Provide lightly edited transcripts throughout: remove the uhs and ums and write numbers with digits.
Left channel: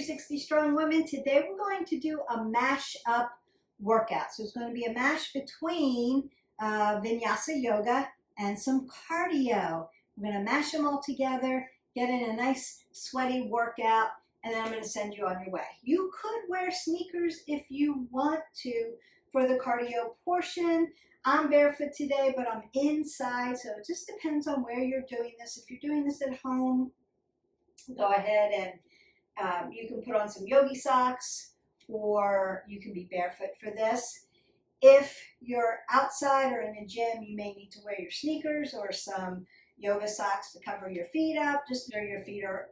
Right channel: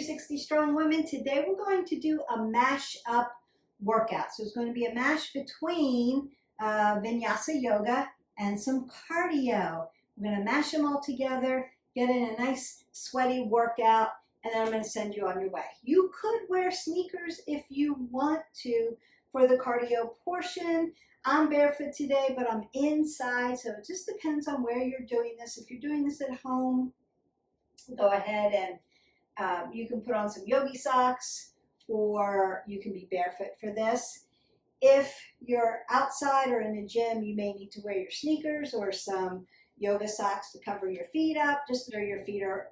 360 Strong Women. Today we're going to do a mash up workout. So it's going to be a mash between Vinyasa yoga and some cardio. We're going to mash them all together, get in a nice sweaty workout, and then I'm going to send you on your way. You could wear sneakers if you want to for the cardio portion. I'm barefoot today, but I'm inside, so it just depends on where you're doing this. If you're doing this at home, go ahead and you can put on some yogi socks, or you can be barefoot for this. If you're outside or in a gym, you may need to wear your sneakers or some yoga socks to cover your feet up, just so your feet are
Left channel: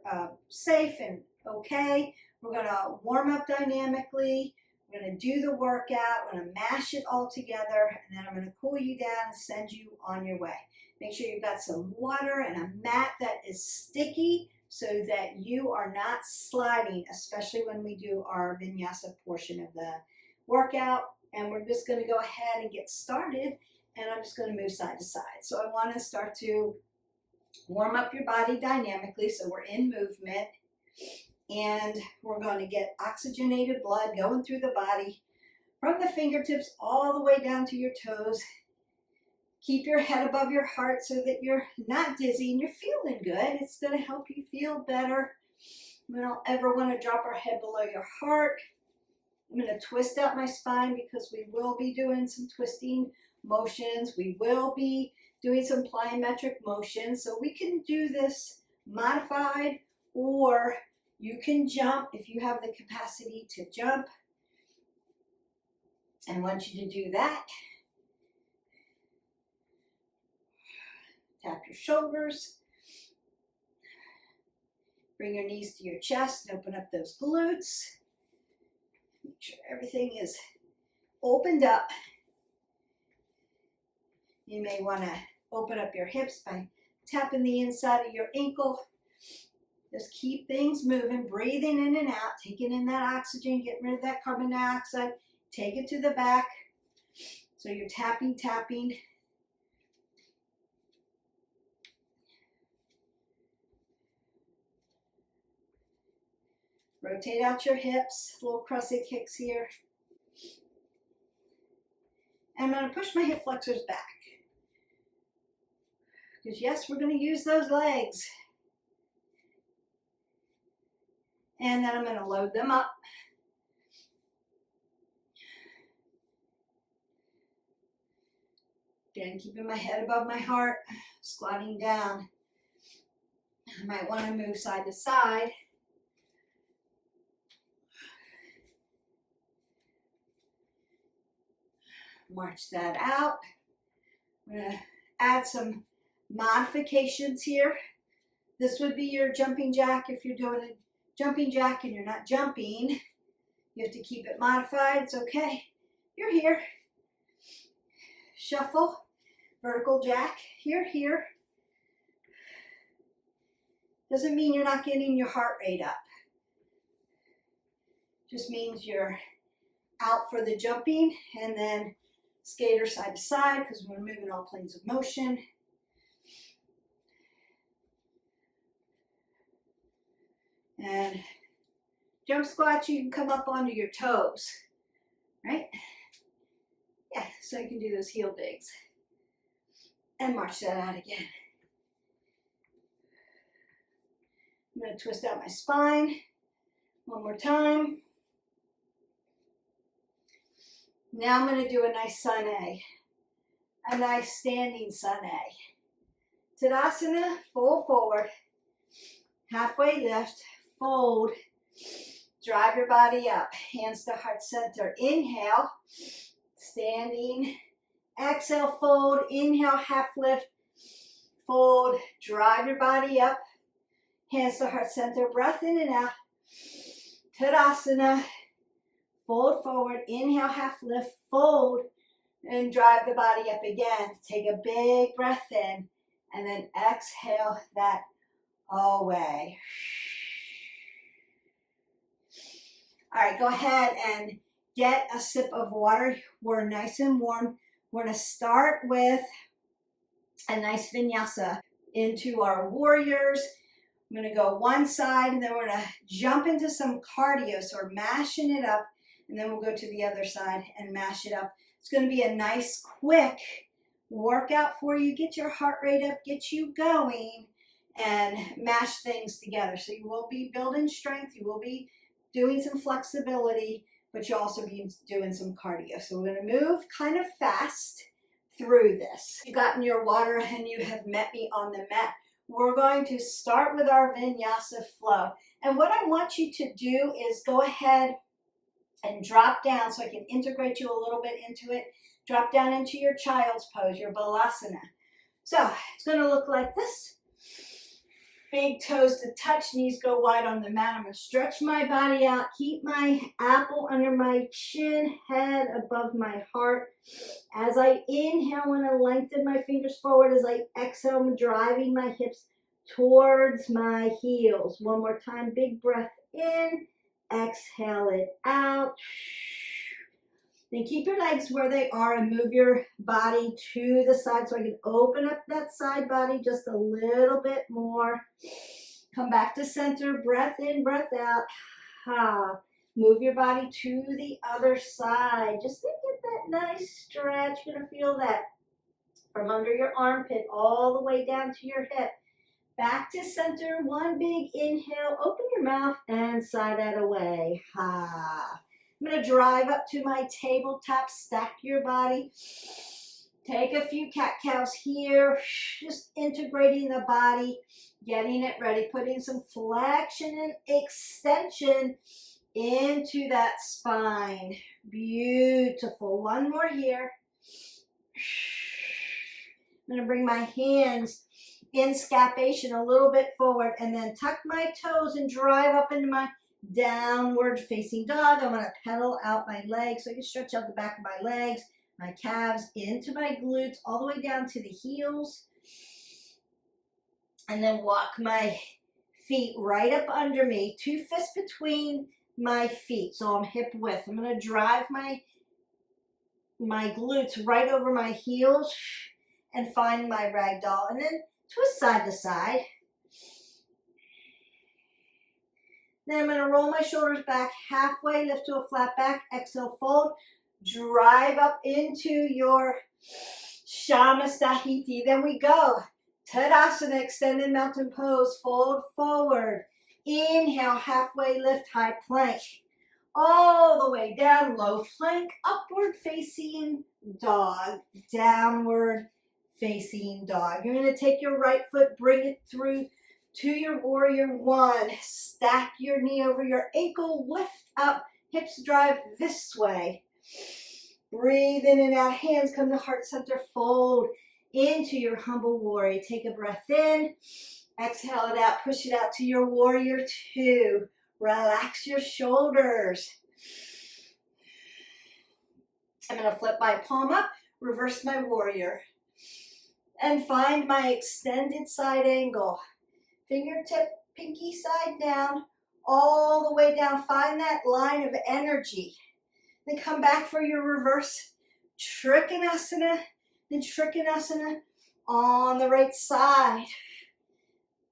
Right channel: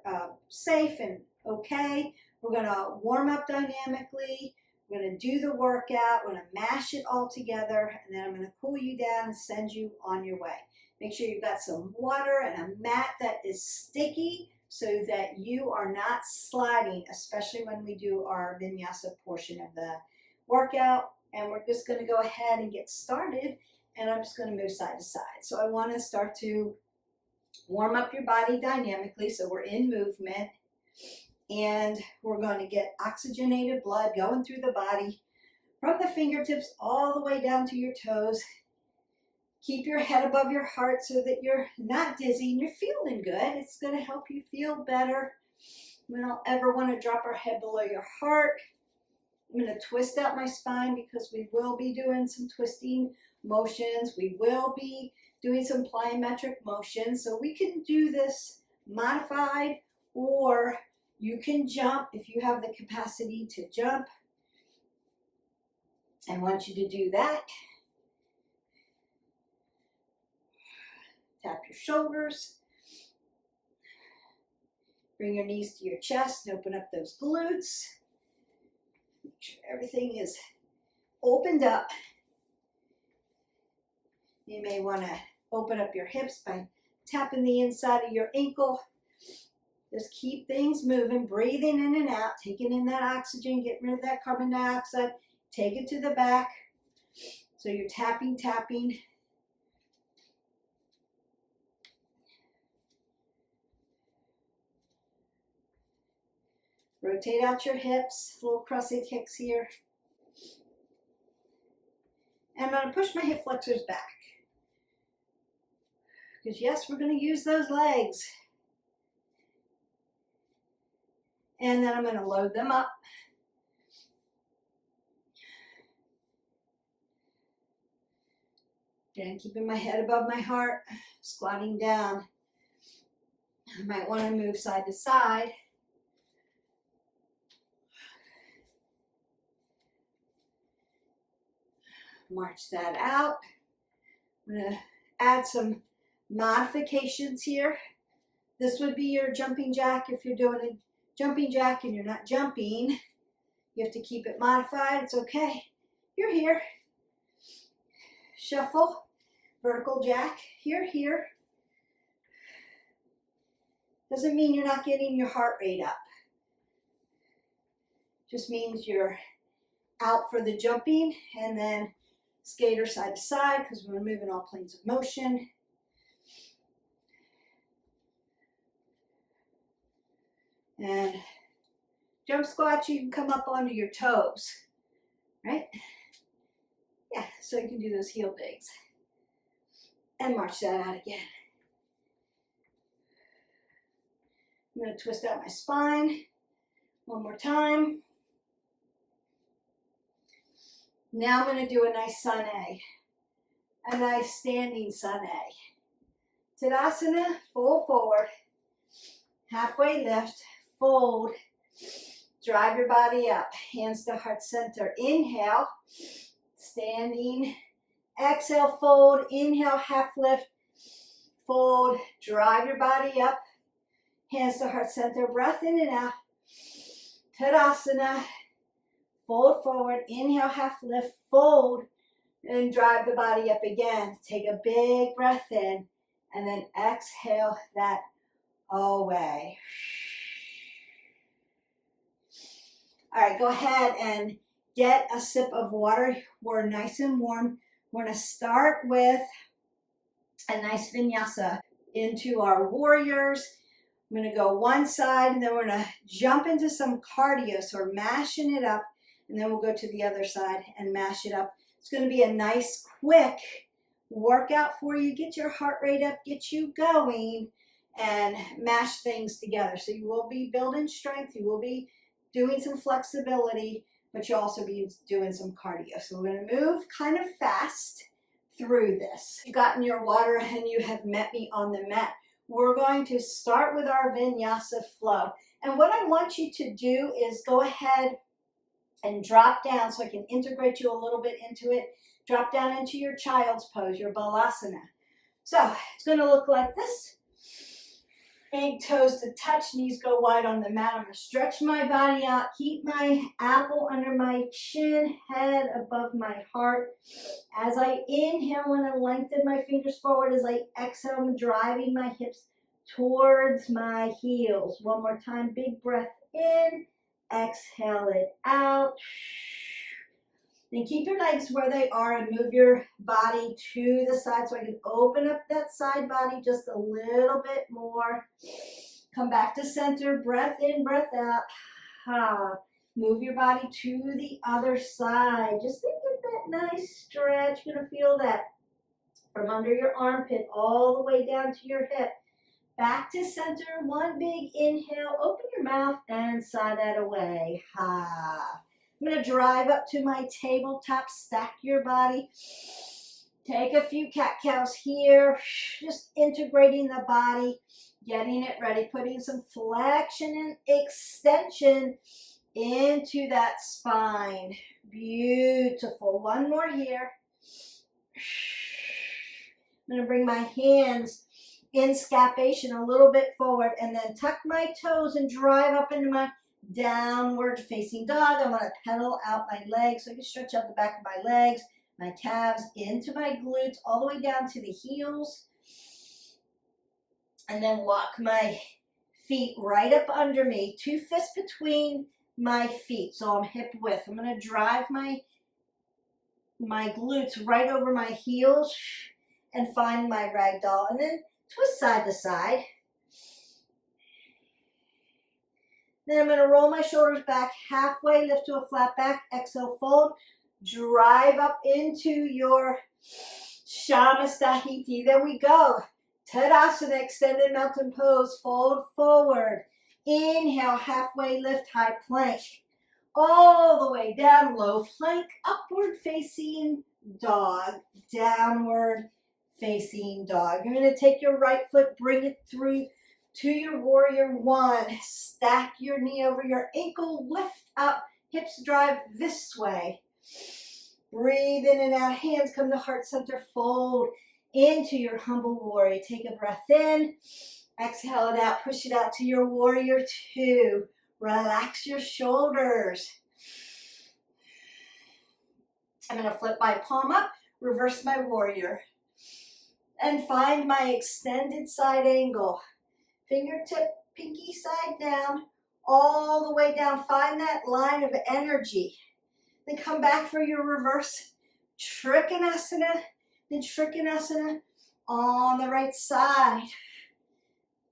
safe and okay. We're going to warm up dynamically. We're going to do the workout. We're going to mash it all together, and then I'm going to cool you down and send you on your way. Make sure you've got some water and a mat that is sticky so that you are not sliding, especially when we do our vinyasa portion of the workout. And we're just going to go ahead and get started, and I'm just going to move side to side. So I want to start to warm up your body dynamically, so we're in movement, and we're going to get oxygenated blood going through the body from the fingertips all the way down to your toes. Keep your head above your heart so that you're not dizzy and you're feeling good. It's going to help you feel better. We don't ever want to drop our head below your heart. I'm going to twist out my spine because we will be doing some twisting motions. We will be doing some plyometric motions. So we can do this modified, or you can jump if you have the capacity to jump. I want you to do that. Tap your shoulders. Bring your knees to your chest and open up those glutes. Make sure everything is opened up. You may want to open up your hips by tapping the inside of your ankle. Just keep things moving, breathing in and out, taking in that oxygen, getting rid of that carbon dioxide. Take it to the back. So you're tapping, tapping. Rotate out your hips, little crossed kicks here. And I'm going to push my hip flexors back. Because yes, we're going to use those legs. And then I'm going to load them up. Again, keeping my head above my heart, squatting down. I might want to move side to side. March that out. I'm going to add some modifications here. This would be your jumping jack. If you're doing a jumping jack and you're not jumping, you have to keep it modified. It's okay. You're here. Shuffle. Vertical jack. Here. Doesn't mean you're not getting your heart rate up. Just means you're out for the jumping, and then skater side to side because we're moving all planes of motion. And jump squats, you can come up onto your toes, right? Yeah, so you can do those heel digs. And march that out again. I'm going to twist out my spine one more time. Now I'm going to do a nice sun A, a nice standing sun A. Tadasana, fold forward, halfway lift, fold, drive your body up, hands to heart center. Inhale, standing, exhale, fold, inhale, half lift, fold, drive your body up, hands to heart center, breath in and out. Tadasana. Fold forward, inhale, half lift, fold, and drive the body up again. Take a big breath in, and then exhale that away. All right, go ahead and get a sip of water. We're nice and warm. We're going to start with a nice vinyasa into our warriors. I'm going to go one side, and then we're going to jump into some cardio. So we're mashing it up, and then we'll go to the other side and mash it up. It's going to be a nice, quick workout for you. Get your heart rate up, get you going, and mash things together. So you will be building strength. You will be doing some flexibility, but you'll also be doing some cardio. So we're going to move kind of fast through this. You've gotten your water and you have met me on the mat. We're going to start with our vinyasa flow. And what I want you to do is go ahead and drop down so I can integrate you a little bit into it. Drop down into your child's pose, your balasana. So it's going to look like this. Big toes to touch, knees go wide on the mat. I'm going to stretch my body out, keep my apple under my chin, head above my heart. As I inhale, I want to lengthen my fingers forward. As I exhale, I'm driving my hips towards my heels. One more time, big breath in, exhale it out. Then keep your legs where they are and move your body to the side so I can open up that side body just a little bit more. Come back to center, breath in, breath out. Move your body to the other side. Just to get that nice stretch. You're going to feel that from under your armpit all the way down to your hip. Back to center, one big inhale. Open your mouth and sigh that away. I'm going to drive up to my tabletop, stack your body. Take a few cat-cows here, just integrating the body, getting it ready, putting some flexion and extension into that spine. Beautiful. One more here. I'm going to bring my hands in scapation a little bit forward and then tuck my toes and drive up into my downward facing dog. I want to pedal out my legs so I can stretch out the back of my legs, my calves into my glutes, all the way down to the heels. And then walk my feet right up under me, 2 fists between my feet, so I'm hip width. I'm going to drive my glutes right over my heels and find my ragdoll, and then twist side to side. Then I'm going to roll my shoulders back halfway, lift to a flat back, exhale, fold, drive up into your Shamastahiti. Then we go, Tadasana, extended mountain pose, fold forward. Inhale, halfway lift, high plank. All the way down, low plank, upward facing dog, downward facing dog. You're going to take your right foot, bring it through to your warrior one. Stack your knee over your ankle, lift up, hips drive this way. Breathe in and out, hands come to heart center, fold into your humble warrior. Take a breath in, exhale it out, push it out to your warrior two. Relax your shoulders. I'm going to flip my palm up, reverse my warrior, and find my extended side angle. Fingertip, pinky side down, all the way down. Find that line of energy. Then come back for your reverse Trikonasana. Then Trikonasana on the right side.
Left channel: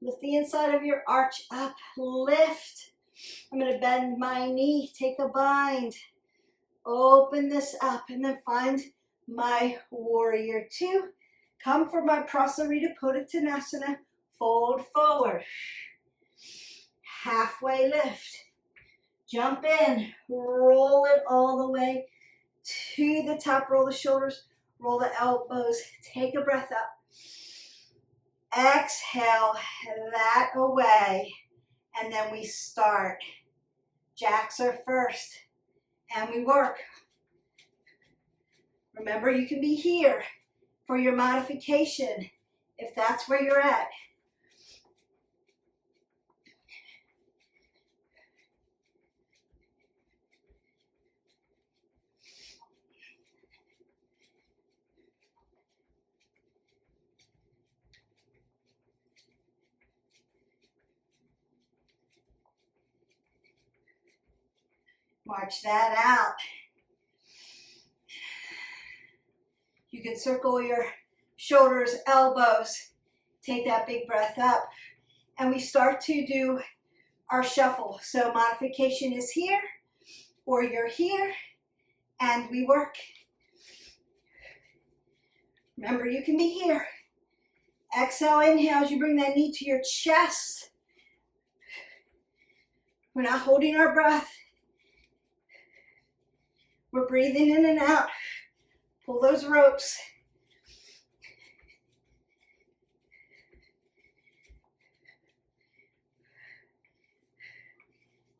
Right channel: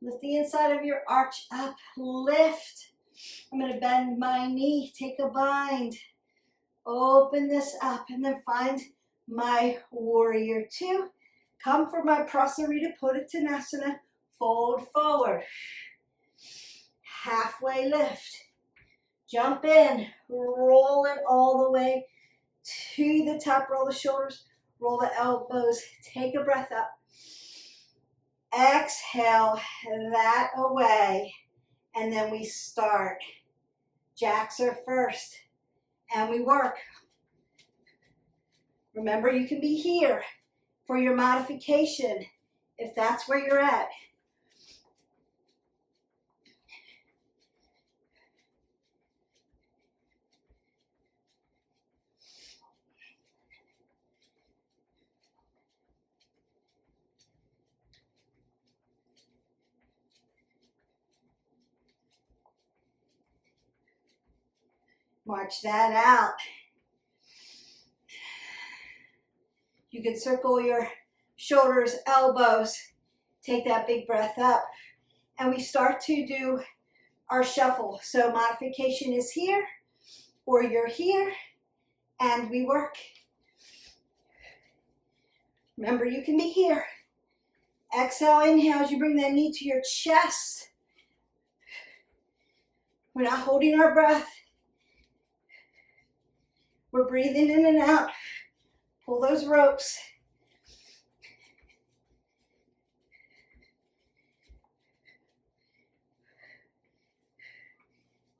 Lift the inside of your arch up, lift. I'm going to bend my knee, take a bind. Open this up and then find my warrior two. Come for my Prasarita Padottanasana. Fold forward, halfway lift, jump in, roll it all the way to the top, roll the shoulders, roll the elbows, take a breath up, exhale that away, and then we start. Jacks are first, and we work. Remember, you can be here for your modification if that's where you're at. March that out. You can circle your shoulders, elbows. Take that big breath up. and we start to do our shuffle. So modification is here, or you're here, and we work. Remember, you can be here. Exhale, inhale as you bring that knee to your chest. We're not holding our breath. We're breathing in and out. Pull those ropes.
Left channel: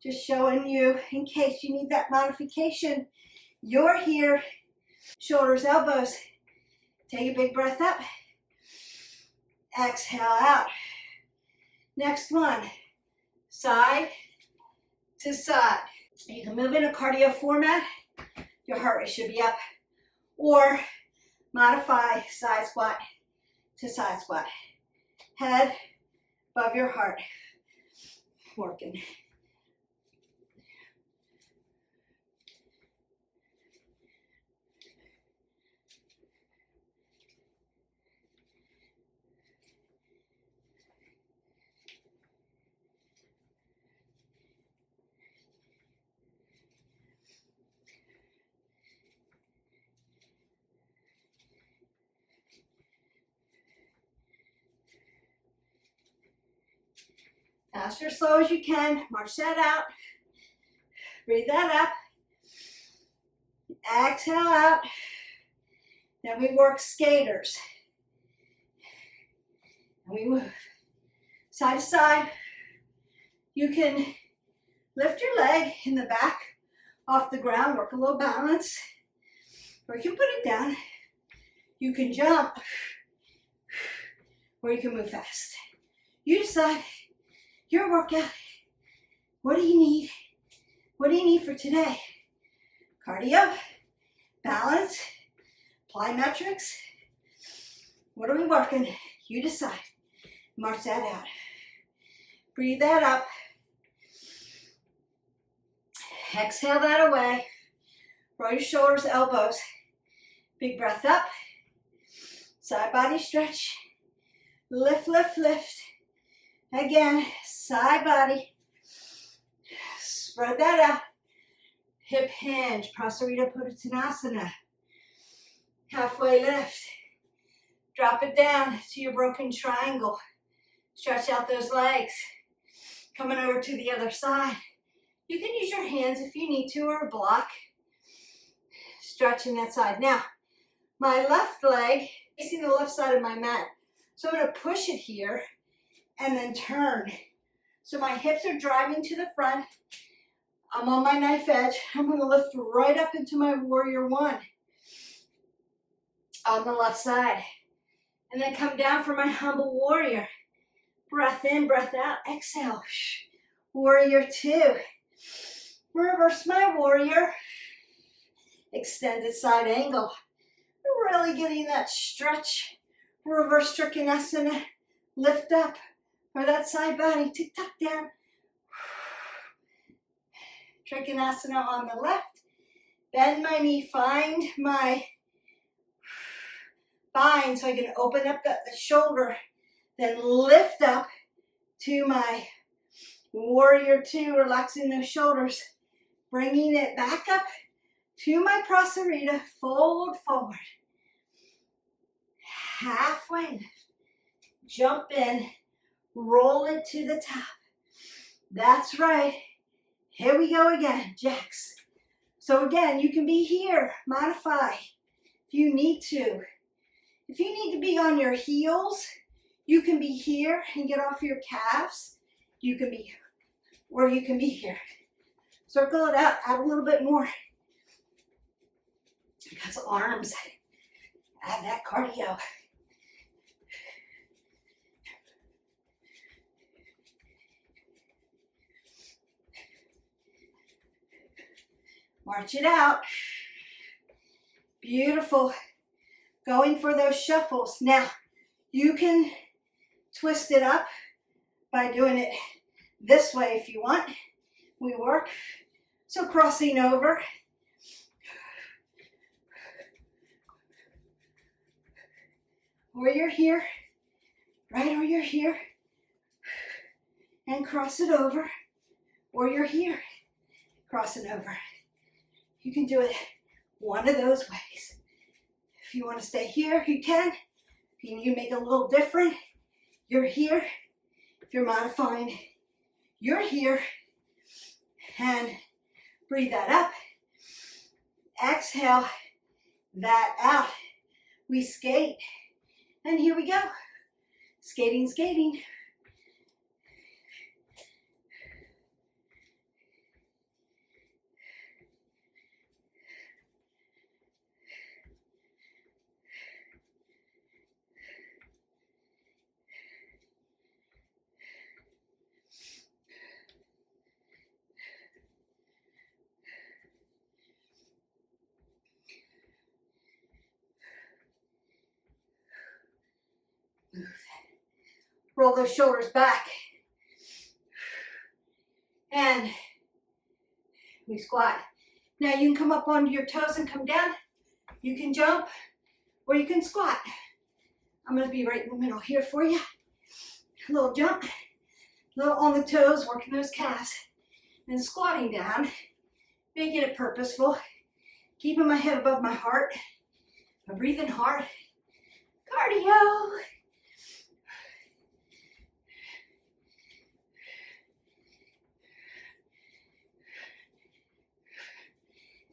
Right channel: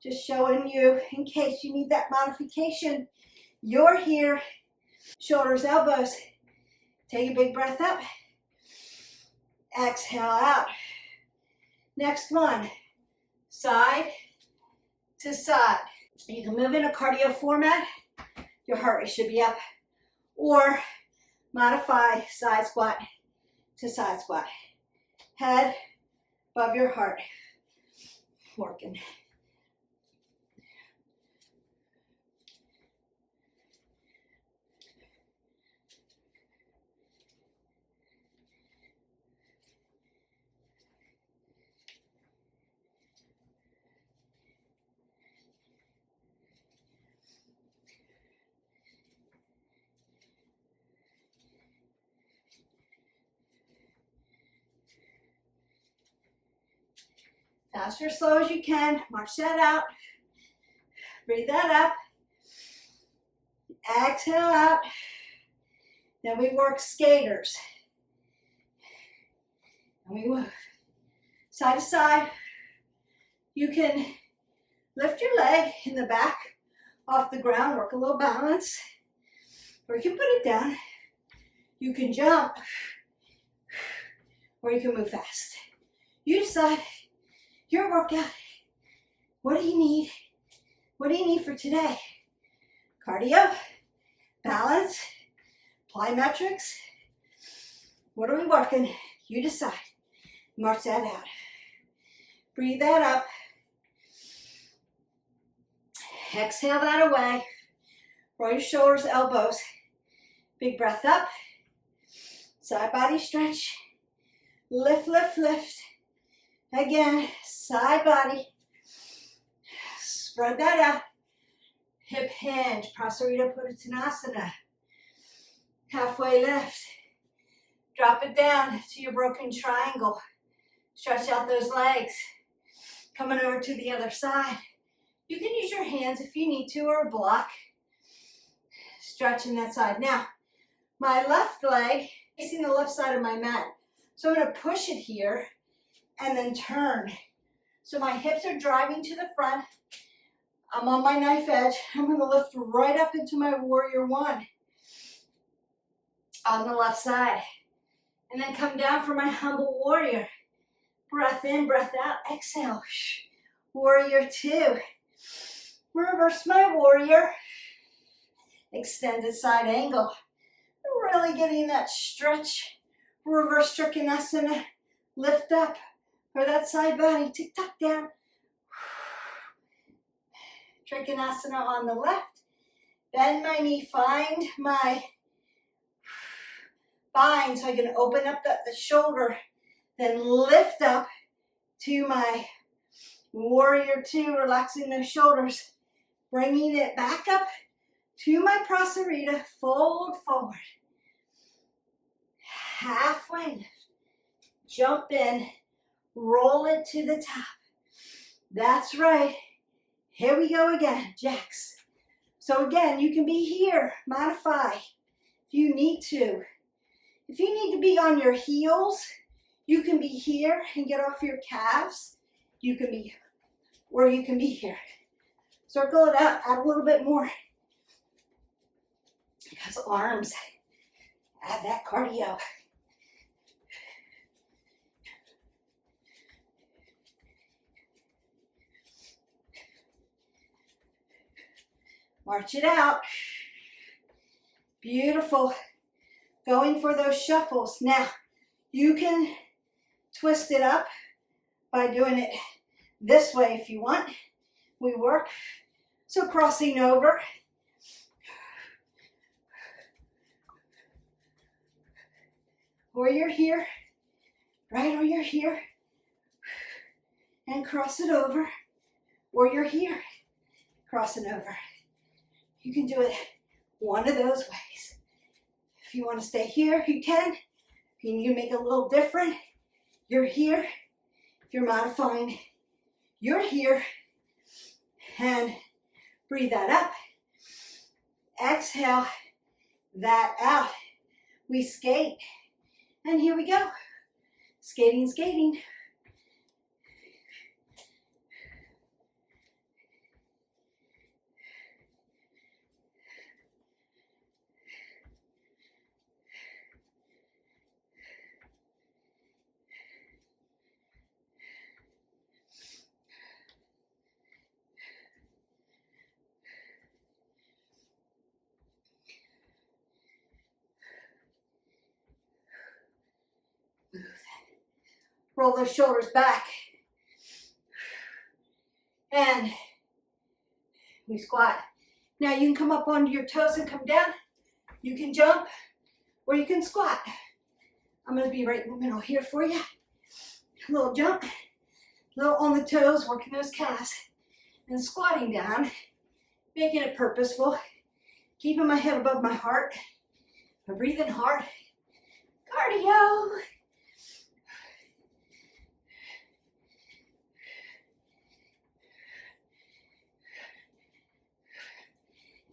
Just showing you, in case you need that modification, you're here. Shoulders, elbows. Take a big breath up. Exhale out. Next one, side to side. You can move in a cardio format. Your heart rate should be up. Or modify side squat to side squat. Head above your heart. Working. Fast or slow as you can. March that out. Breathe that up. Exhale out. Then we work skaters. And we move side to side. You can lift your leg in the back off the ground, work a little balance. Or you can put it down. You can jump. Or you can move fast. You decide your workout. What do you need? What do you need for today? Cardio, balance, plyometrics. What are we working? You decide. March that out. Breathe that up. Exhale that away. Roll your shoulders, elbows. Big breath up. Side body stretch. Lift, lift, lift. Again, side body. Spread that out. Hip hinge, Prasarita Puttanasana. Halfway lift. Drop it down to your broken triangle. Stretch out those legs. Coming over to the other side. You can use your hands if you need to, or a block. Stretching that side. Now, my left leg facing the left side of my mat. So I'm going to push it here and then turn. So my hips are driving to the front. I'm on my knife edge. I'm going to lift right up into my warrior one on the left side. And then come down for my humble warrior. Breath in, breath out. Exhale. Warrior two. Reverse my warrior. Extended side angle. Really getting that stretch. Reverse Trikonasana. Lift up for that side body. Tick tock down. Trikonasana on the left. Bend my knee. Find my spine so I can open up the shoulder. Then lift up to my warrior two. Relaxing those shoulders. Bringing it back up to my Prasarita. Fold forward. Halfway lift. Jump in. Roll it to the top. That's right. Here we go again. Jacks. So again, you can be here. Modify if you need to. If you need to be on your heels, you can be here and get off your calves. You can be, or you can be here. Circle it out. Add a little bit more. Because arms, add that cardio. March it out. Beautiful. Going for those shuffles. Now, you can twist it up by doing it this way if you want. We work. So crossing over. Or you're here. Right, or you're here. and cross it over, or you're here, cross it over. You can do it one of those ways. If you want to stay here, you can. If you make it a little different, you're here. If you're modifying, you're here. And breathe that up. Exhale that out. We skate. And here we go. Skating, skating. Roll those shoulders back. And we squat. Now you can come up onto your toes and come down. You can jump or you can squat. I'm going to be right in the middle here for you. A little jump, a little on the toes, working those calves. And squatting down, making it purposeful. Keeping my head above my heart. I'm breathing hard. Cardio.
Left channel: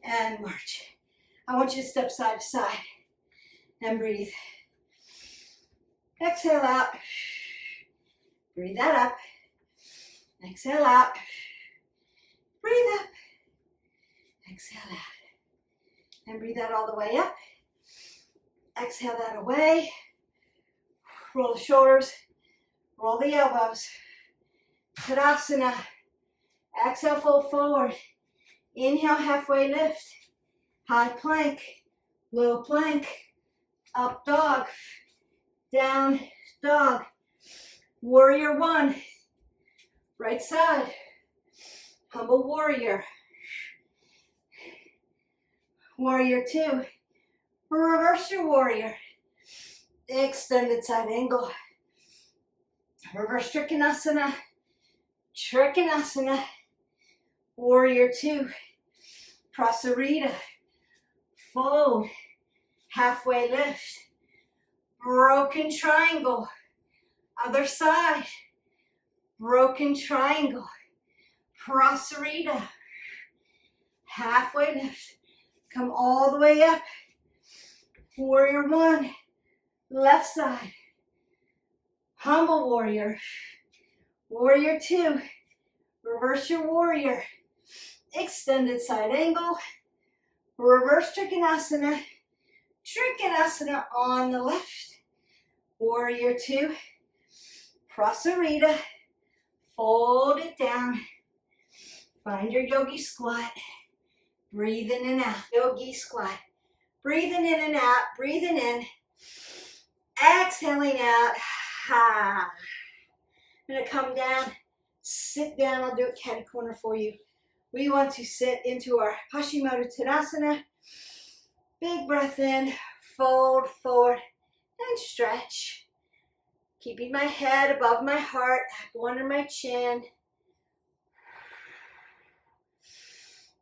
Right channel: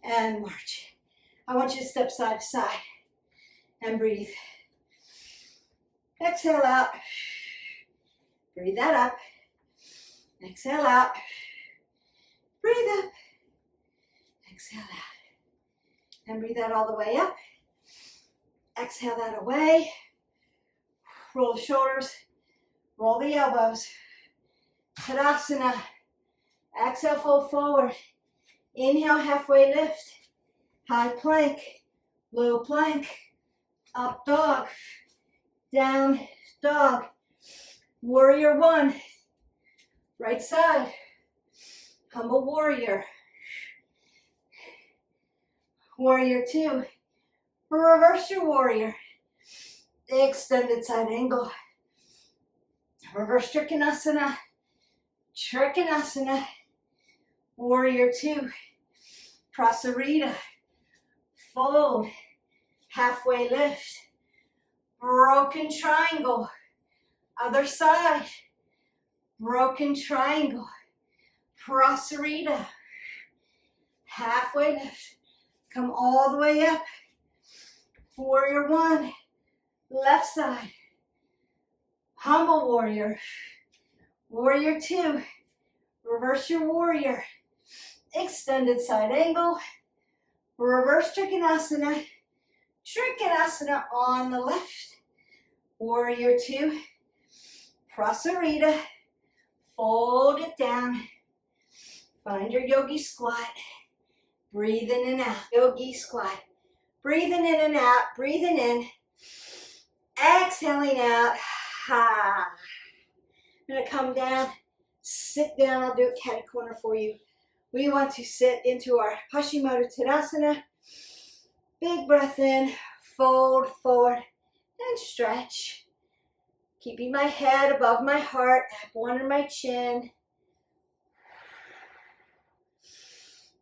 And march. I want you to step side to side and breathe. Exhale out. Breathe that up. Exhale out. Breathe up. Exhale out. And breathe that all the way up. Exhale that away. Roll the shoulders. Roll the elbows. Tadasana. Exhale, fold forward. Inhale, halfway lift. High plank. Low plank. Up dog. Down dog. Warrior one. Right side. Humble warrior. Warrior two. Reverse your warrior. Extended side angle. Reverse Trikonasana. Trikonasana. Warrior two. Prasarita. Fold. Halfway lift. Broken triangle. Other side. Broken triangle. Prasarita. Halfway lift. Come all the way up. Warrior one. Left side. Humble warrior. Warrior two. Reverse your warrior. Extended side angle. Reverse Trikonasana. Trikonasana on the left. Warrior two. Prasarita. Fold it down. Find your yogi squat. Breathe in and out. Yogi squat. Breathing in and out. Breathing in. Exhaling out. Ha. I'm going to come down. Sit down. I'll do a cat corner for you. We want to sit into our Paschimottanasana. Big breath in. Fold forward and stretch. Keeping my head above my heart, apple under my chin.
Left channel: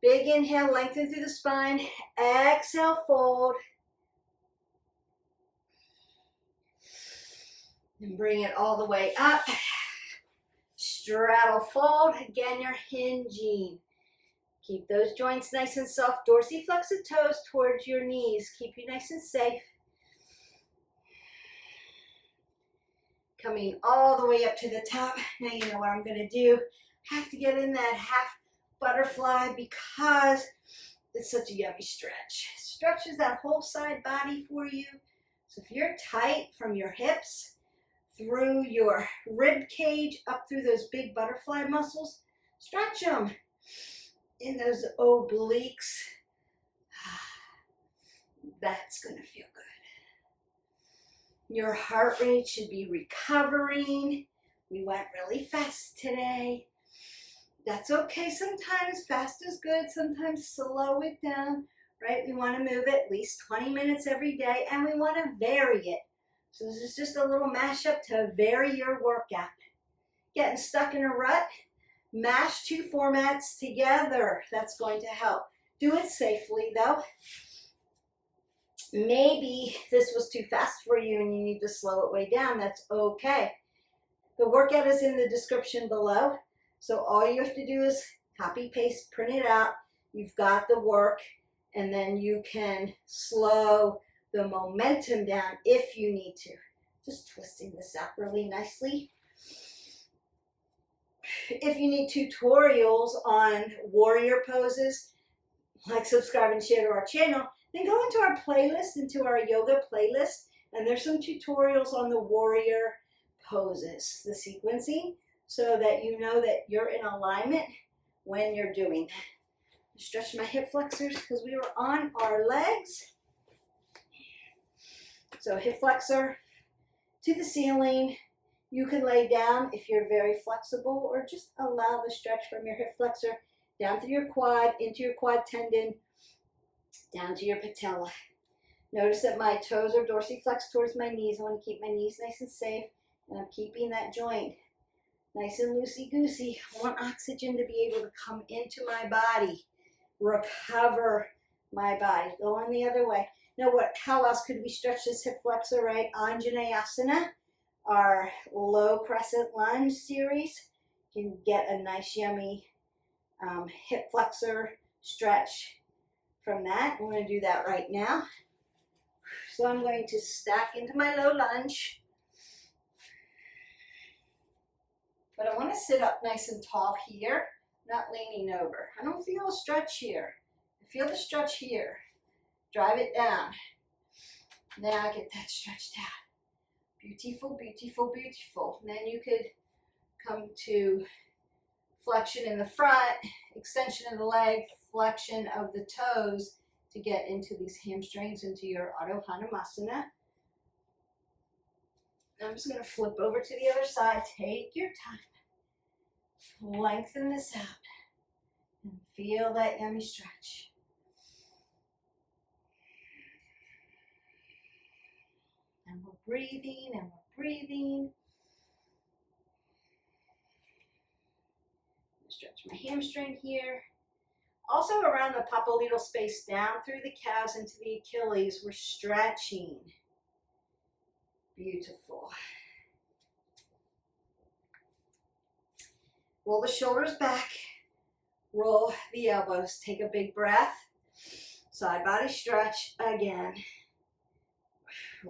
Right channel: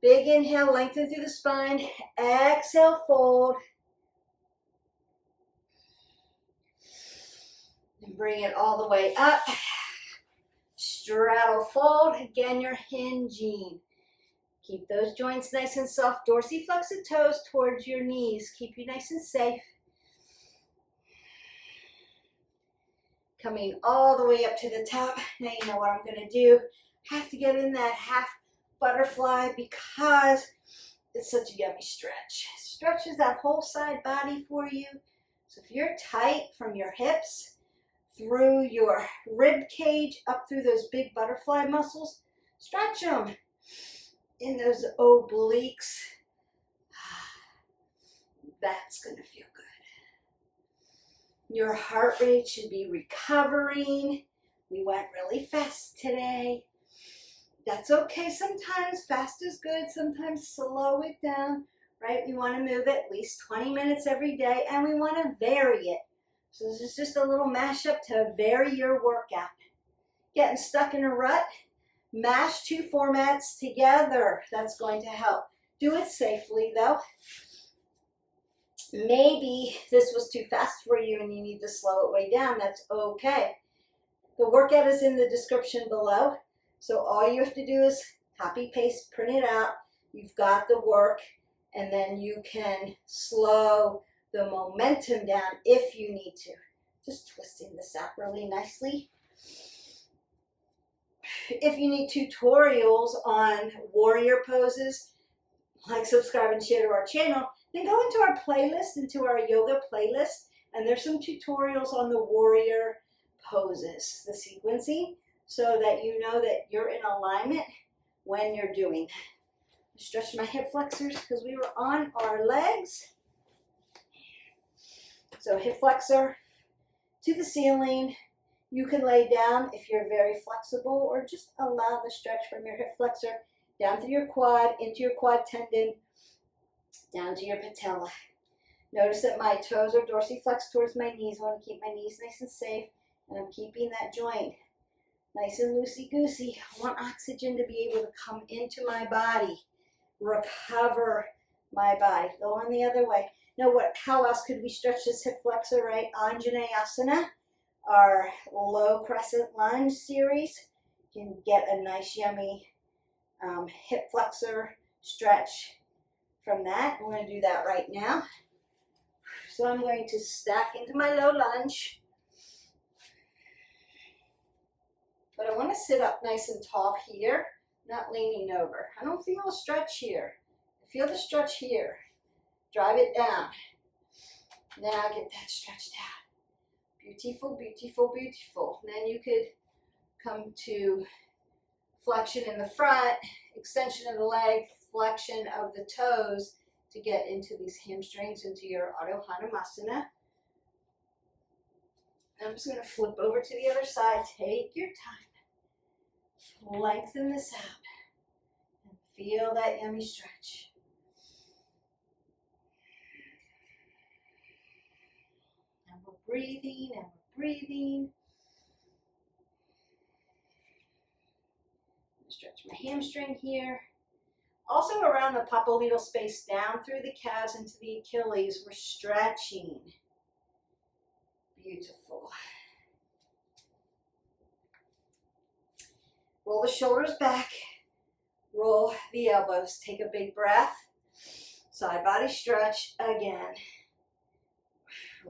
Big inhale, lengthen through the spine. Exhale, fold. And bring it all the way up. Straddle fold. Again, you're hinging. Keep those joints nice and soft. Dorsiflex the toes towards your knees. Keep you nice and safe. Coming all the way up to the top. Now you know what I'm going to do. Have to get in that half butterfly because it's such a yummy stretch. Stretches that whole side body for you. So if you're tight from your hips through your rib cage up through those big butterfly muscles, stretch them in those obliques. That's going to feel good. Your heart rate should be recovering. We went really fast today. That's okay. Sometimes fast is good. Sometimes slow it down, right? We want to move it at least 20 minutes every day, and we want to vary it. So this is just a little mashup to vary your workout. getting stuck in a rut, mash two formats together. That's going to help. Do it safely though. Maybe this was too fast for you and you need to slow it way down. That's okay. The workout is in the description below. So all you have to do is copy, paste, print it out. You've got the work, and then you can slow the momentum down if you need to. Just twisting this out really nicely. If you need tutorials on warrior poses, like, subscribe, and share to our channel, then go into our playlist, into our yoga playlist, and there's some tutorials on the warrior poses, the sequencing, so that you know that you're in alignment when you're doing that. Stretch my hip flexors because we were on our legs. So hip flexor to the ceiling. You can lay down if you're very flexible, or just allow the stretch from your hip flexor down through your quad, into your quad tendon, down to your patella. Notice that my toes are dorsiflexed towards my knees. I want to keep my knees nice and safe, and I'm keeping that joint nice and loosey-goosey. I want oxygen to be able to come into my body, recover my body. Go on the other way. Now, how else could we stretch this hip flexor, right? Anjaneyasana, our low crescent lunge series. You can get a nice, yummy hip flexor stretch from that. We're going to do that right now. So I'm going to stack into my low lunge. But I want to sit up nice and tall here, not leaning over. I don't feel a stretch here. I feel the stretch here. Drive it down. Now get that stretched out. Beautiful, beautiful, beautiful. And then you could come to flexion in the front, extension of the leg, flexion of the toes to get into these hamstrings, into your Ardha Hanumasana. I'm just going to flip over to the other side. Take your time. Lengthen this out. And feel that yummy stretch. And we're breathing, and we're breathing. Stretch my hamstring here. Also around the popliteal space, down through the calves into the Achilles, we're stretching. Beautiful. Roll the shoulders back. Roll the elbows. Take a big breath. Side body stretch again.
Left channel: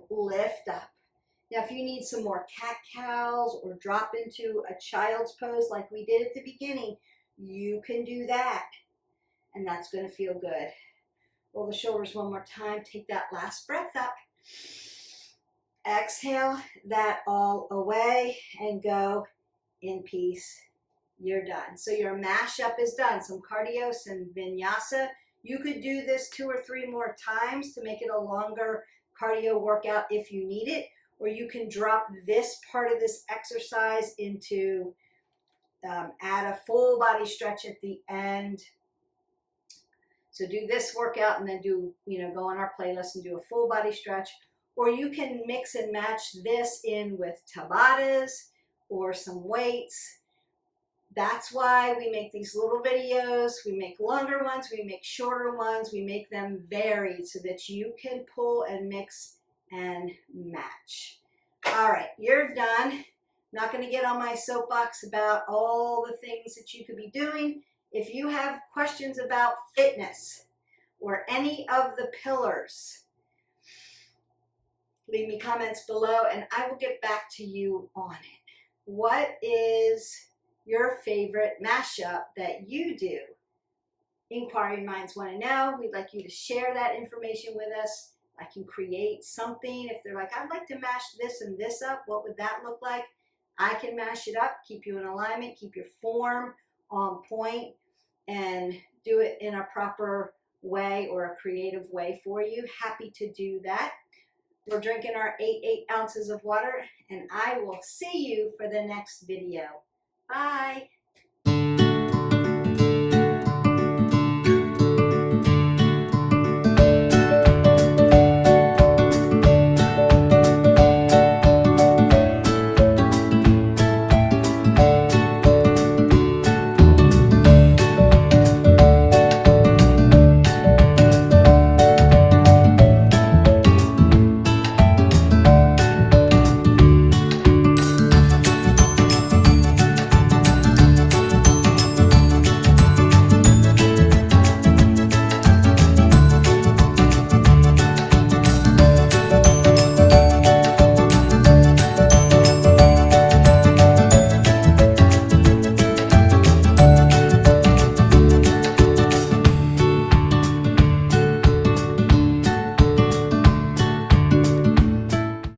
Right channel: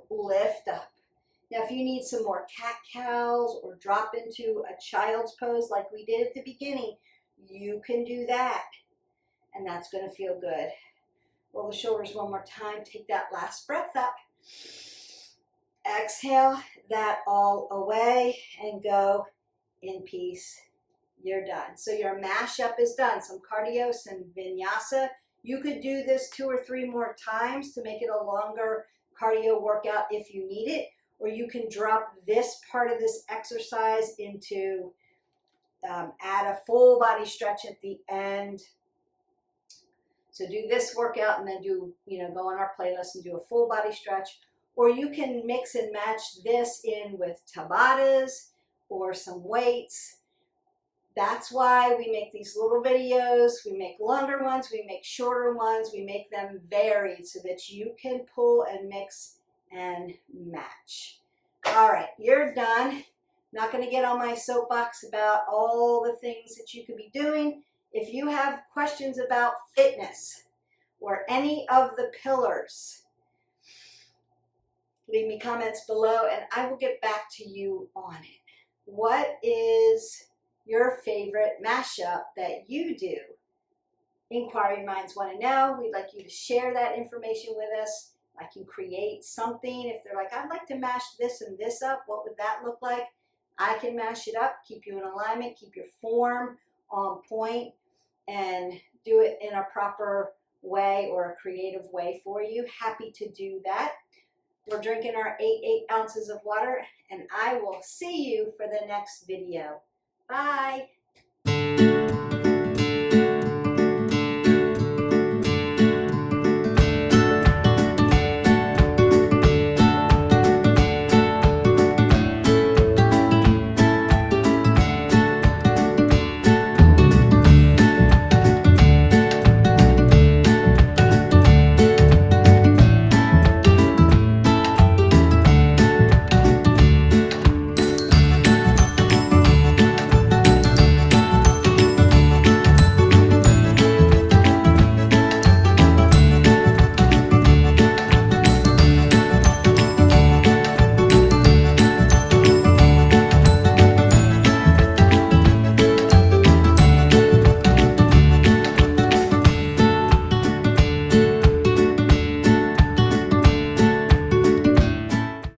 Lift up. Now, if you need some more cat-cows or drop into a child's pose like we did at the beginning, you can do that. And that's going to feel good. Roll the shoulders one more time. Take that last breath up. Exhale that all away and go in peace. You're done. So your mashup is done. Some cardio, some vinyasa. You could do this 2 or 3 more times to make it a longer cardio workout if you need it. Or you can drop this part of this exercise into, add a full body stretch at the end. So do this workout and then do, go on our playlist and do a full body stretch. Or you can mix and match this in with Tabatas or some weights. That's why we make these little videos. We make longer ones, we make shorter ones, we make them varied so that you can pull and mix and match. All right, you're done. Not going to get on my soapbox about all the things that you could be doing. If you have questions about fitness or any of the pillars, leave me comments below and I will get back to you on it. What is your favorite mashup that you do? Inquiring minds want to know. We'd like you to share that information with us. I can create something. If they're like, I'd like to mash this and this up, what would that look like? I can mash it up, keep you in alignment, keep your form on point, and do it in a proper way or a creative way for you. Happy to do that. We're drinking our 8 ounces of water, and I will see you for the next video. Bye.